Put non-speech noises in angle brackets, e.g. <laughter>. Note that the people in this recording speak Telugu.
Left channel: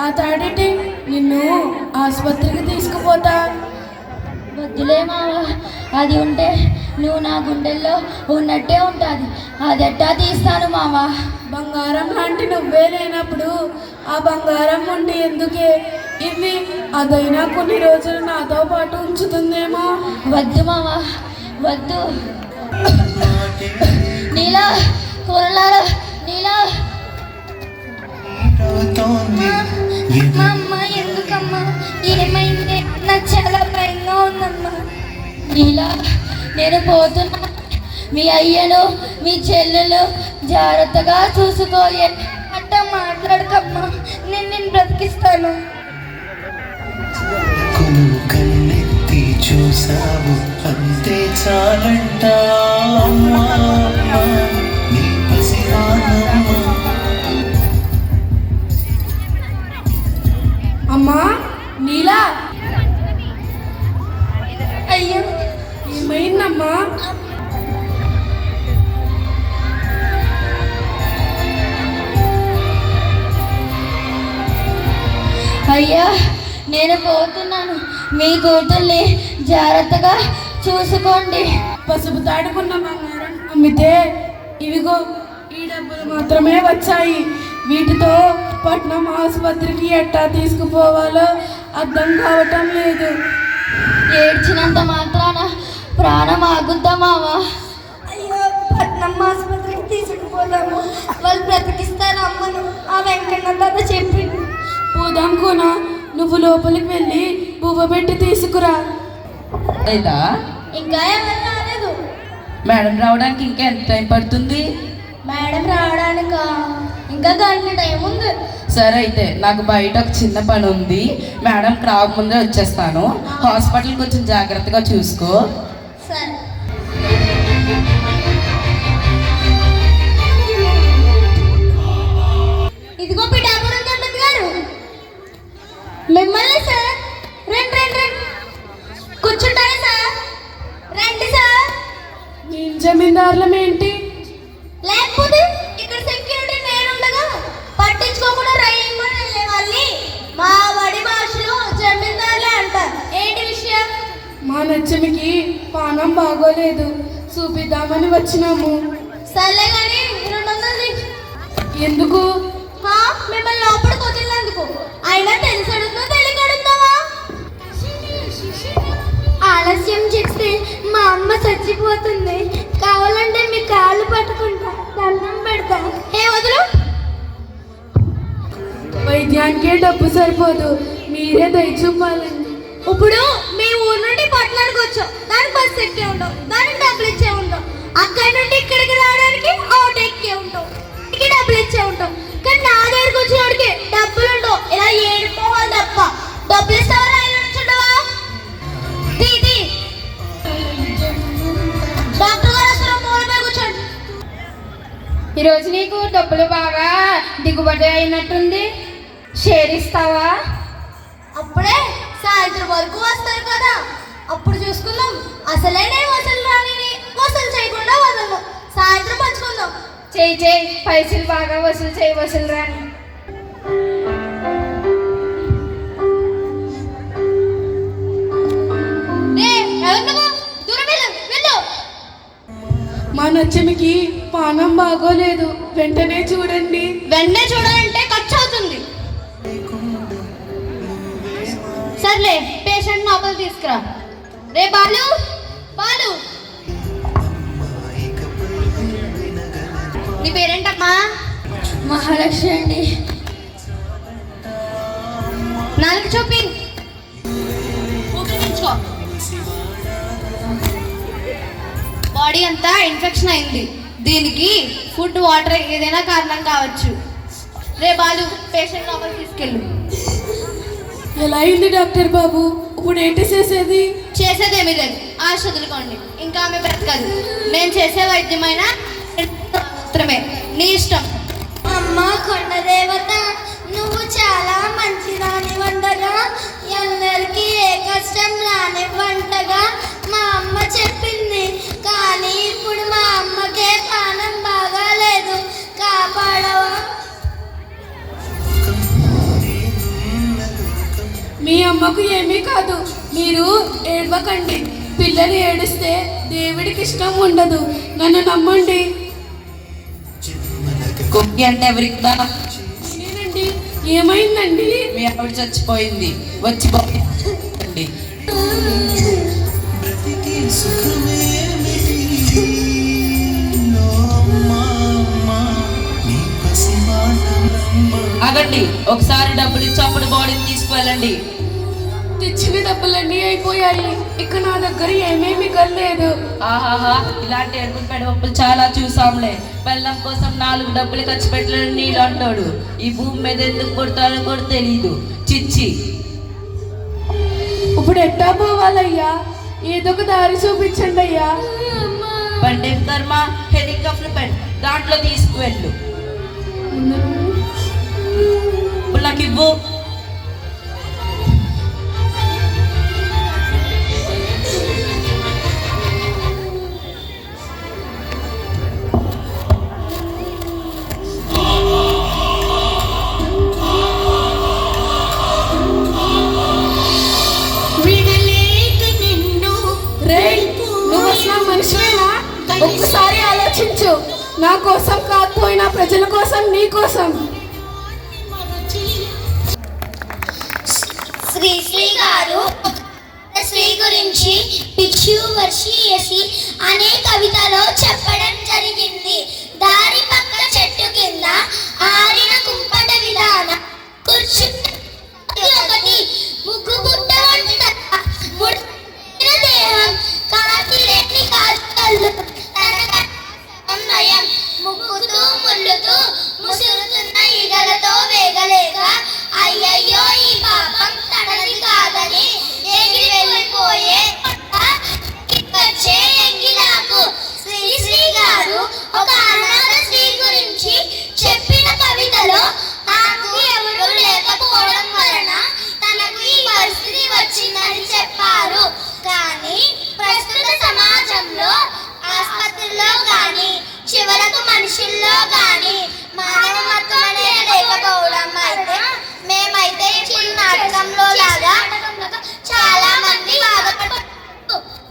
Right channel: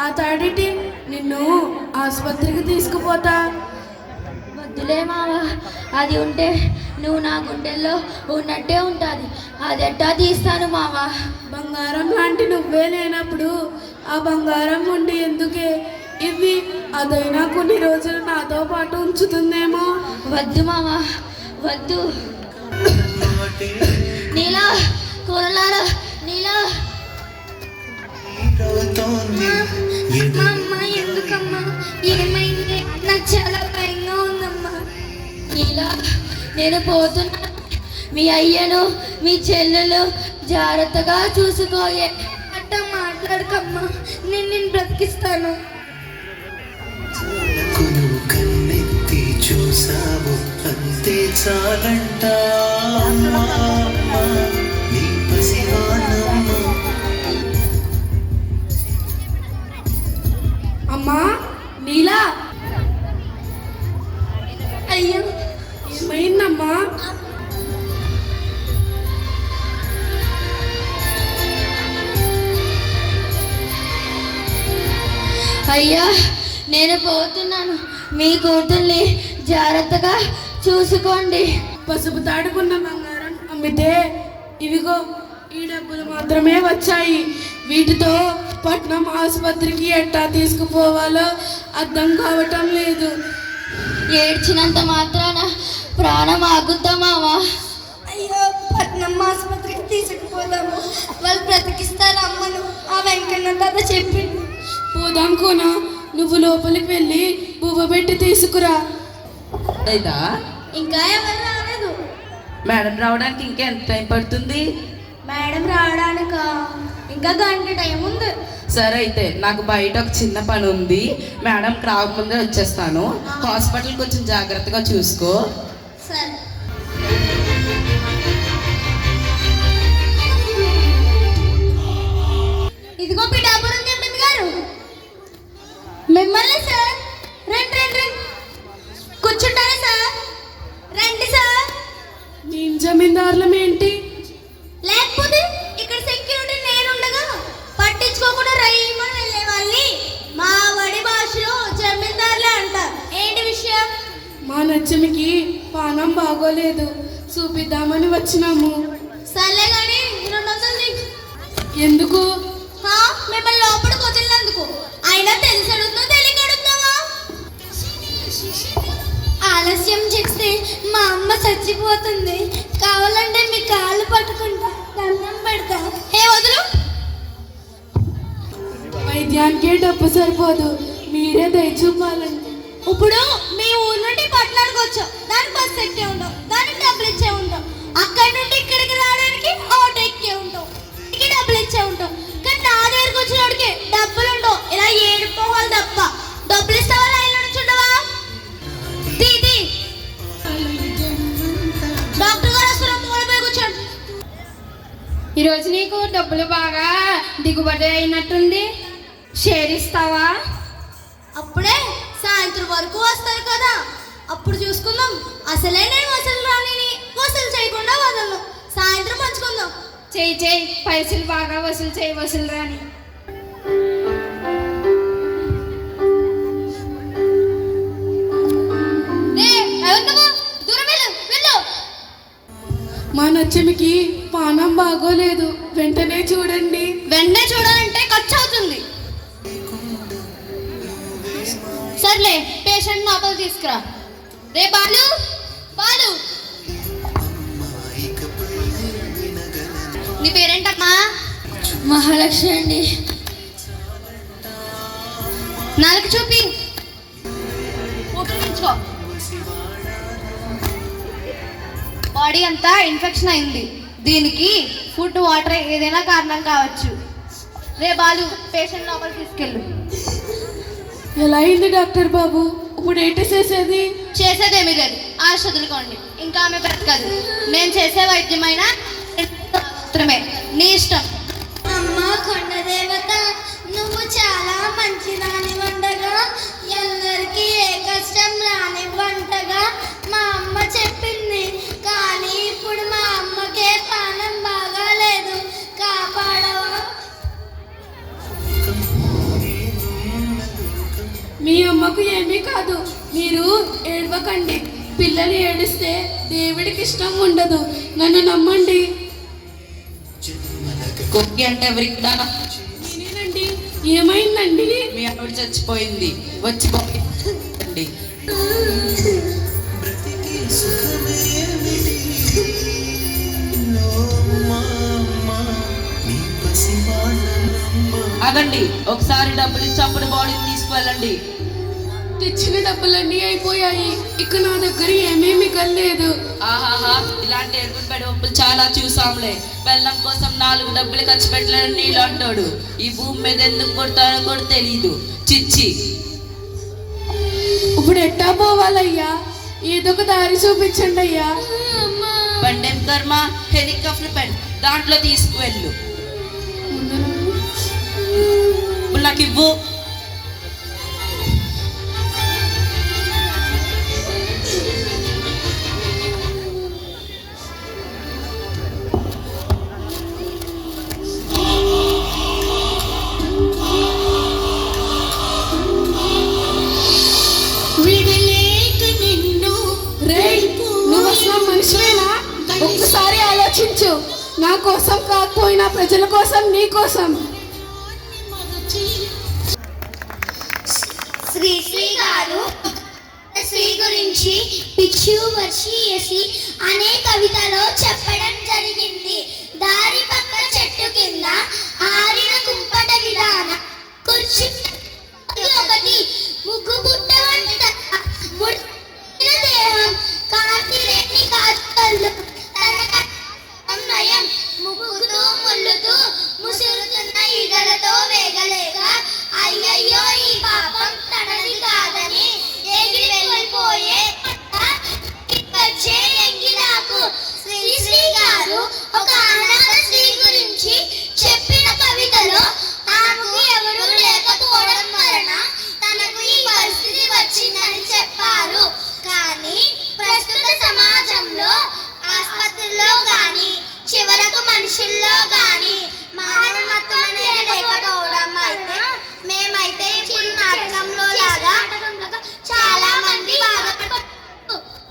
ఆ తాడిటి నిన్ను ఆసుపత్రికి తీసుకుపోతా. వద్దులే మావ అది ఉంటే నువ్వు నా గుండెల్లో ఉన్నట్టే ఉంటుంది. అది ఎట్టా తీస్తాను మావ? బంగారం లాంటి నువ్వే లేనప్పుడు ఆ బంగారం ఉండి ఎందుకే? ఇవి అదైనా కొన్ని రోజులు నాతో పాటు ఉంచుతుందేమో? వద్దు మావ వద్దు. నీలా కూరలారా నీలా. అమ్మ ఎందుకమ్మా? ఏమైంది? నాకు చాలా భయంగా ఉందమ్మా. నీలా నేను పోతున్నా. మీ అయ్యను మీ చెల్లెలు జాగ్రత్తగా చూసుకోయే అట్ట మాట్లాడకమ్మా. నేను నేను బ్రతికిస్తాను. కన్నెత్తి చూసావు అంతే చాలంట. నేను పోతున్నాను మీ కూతుర్ని జాగ్రత్తగా చూసుకోండి. పసుపు తాడుకున్న బంగారం అమ్మితే ఇవిగో ఈ డబ్బులు మాత్రమే వచ్చాయి. వీటితో పట్నం ఆసుపత్రికి ఎట్టా తీసుకుపోవాలో అర్థం కావటం లేదు. ఏడ్చినంత మాత్రాన ప్రాణం ఆగుద్దా మావా అయ్యో పట్నం ఆసుపత్రికి తీసుకుపోదాము. వాళ్ళు బ్రతికిస్తారు అమ్మను? ఆ వెంకన్న తాత చెప్పిండు పోదాం కోన? నువ్వు లోపలికి వెళ్ళి పువ్వు పెట్టి తీసుకురా. లేదా ఇంకా రాలేదు. మేడం రావడానికి ఇంకా ఎంత టైం పడుతుంది? మేడం రావడానిక? ఇంకా గంట టైం ఉంది. సరే అయితే నాకు బయట ఒక చిన్న పని ఉంది మేడం రాకముందే వచ్చేస్తాను. హాస్పిటల్ కొంచెం జాగ్రత్తగా చూసుకో. జమీందారులం ఏంటి లేకపోతే ఇక్కడ సెక్యూరిటీ నేనుండగా పట్టించుకోకుండా రైమని వెళ్ళే వాళ్ళని మా వడి భాషలో జమీందారులే అంటారు. ఏంటి విషయం? మా నచ్చనికి పానం బాగోలేదు. చూపిద్దామని వచ్చినాము. సర్లే కానీ రెండు వందలు. ఎందుకు? హా, మిమ్మల్ని లోపలికి వదిలినందుకు. అయినా తెలిసి అడుగుతావా తెలియక అడుగుతావా ఆలస్యం చేస్తే సరిపోదు. మీరే దయ చూపాలండి. ఇప్పుడు మీ ఊరు నుండి పట్టణానికి వచ్చాం దానికి బస్ ఎక్కి ఉంటాం దానికి డబ్బులు ఇచ్చే ఉంటాం అక్కడి నుండి ఇక్కడికి రావడానికి ఆటో ఎక్కి ఇక్కడికి డబ్బులు ఇచ్చే ఉంటాం కానీ నా దగ్గరికి వచ్చినోడికి డబ్బులు ఉండవు. ఇలా ఏడుకోవాలి తప్ప. డబ్బులు ఇస్తావా లైన్లో నుంచుండవా తీ తీ. డాక్టర్ గారు అసలు మూలపై కూర్చోండి. ఈరోజు నీకు డబ్బులు బాగా దిగుబడి అయినట్టుంది. షేర్ ఇస్తావా అప్పుడే సాయంత్రం వరకు వస్తారు కదా. అప్పుడు చూసుకుందాం. అసలే నేను వసూలు రానిని వసూలు చేయకుండా వదలను. సాయంత్రం పంచుకుందాం. చేయి చేయి. పైసలు బాగా వసూలు చేయి వసూలు రాని. మా నచ్చనికి పానం బాగోలేదు. వెంటనే చూడండి. వెంటనే చూడాలంటే సర్లే పేషెంట్ లోపల తీసుకురా. రే బాలు బాలు. నీ పేరేంటమ్మా? మహాలక్ష్మి అండి. నాలుగు చూపి ఉపయోగించుకో బాడీ అంతా ఇన్ఫెక్షన్ అయింది. దీనికి ఫుడ్ వాటర్ ఏదైనా కారణం కావచ్చు. రే బాలు పేషెంట్ లోపల తీసుకెళ్ళు. ఎలా అయింది డాక్టర్ బాబు? ఇప్పుడు ఏంటి చేసేది? చేసేదేమీ లేదు. ఆశ వదులుకోండి ఇంకా ఆమె బ్రతకదు. నేను చేసే వైద్యమైన <laughs> మాత్రమే. నీ ఇష్టం. మీ అమ్మకు ఏమీ కాదు. మీరు ఏడవకండి. పిల్లలు ఏడిస్తే దేవుడికి ఇష్టం ఉండదు. నన్ను నమ్మండి. కుక్కి అంటే ఎవరికి నేనేనండి. ఏమైందండి? మీ ఆవిడ చచ్చిపోయింది. వచ్చి <laughs> ఆగండి ఒకసారి డబ్బులు ఇచ్చి అప్పుడు బాడీని తీసుకువెళ్ళండి. తెచ్చిన డబ్బులన్నీ అయిపోయాయి. ఇక నా దగ్గర ఏమీ మిగలలేదు ఆహాహా ఇలాంటి ఎరుపు పెడవప్పులు చాలా చూసాంలే. బెల్లం కోసం నాలుగు డబ్బులు ఖర్చు పెట్టలేని నీళ్ళు అంటాడు. ఈ భూమి మీద ఎందుకు పుడతాడో కూడా తెలీదు. చిచ్చి. ఇప్పుడు ఎట్టా పోవాలయ్యా? ఏదో ఒక దారి చూపించండి అయ్యా పండేం కర్మ హెలికాప్టర్ పెన్ దాంట్లో తీసుకువెళ్ళు. నా కోసం కాకపోయినా ప్రజల కోసం నీ కోసం. శ్రీ శ్రీ గారు శ్రీ గురించి పిచ్చు వర్షియసి అనే కవితలో చెప్పడం